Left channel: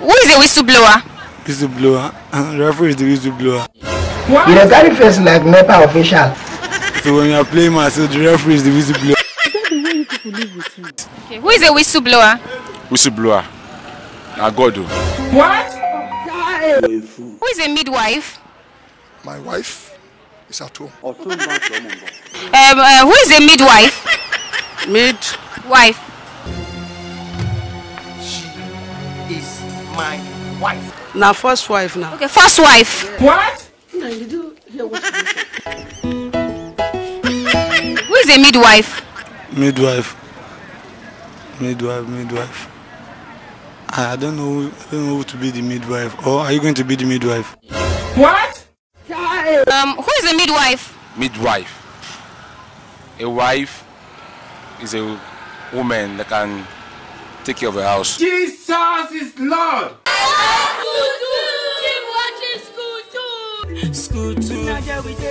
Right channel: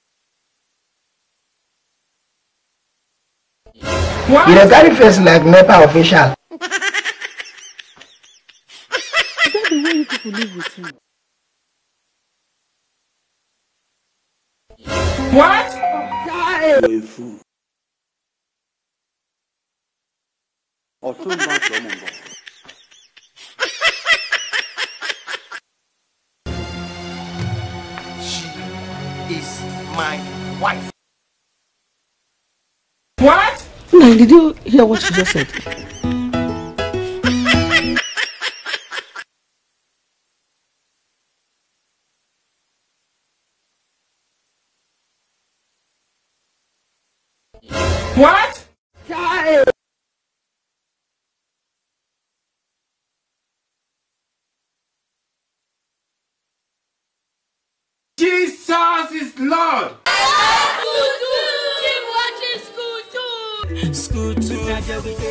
Who is a whistleblower? Whistleblower. Referee is the whistleblower. What? You don't carry face like NEPA official. So when you are playing myself, the referee is the whistleblower. Is that the way you people live with him? Okay. Who is a whistleblower? Whistleblower. I got What? Who is a midwife? My wife is at home. Who is a midwife? Wife. She is my wife. Now, first wife now. Okay, first wife. What? No, did you hear what she just said? Who is a midwife? Midwife. Midwife. I don't know who to be the midwife. Or are you going to be the midwife? What? Who is a midwife? Midwife. A wife is a woman that can take care of a house. Jesus is Lord. Keep watching School 2.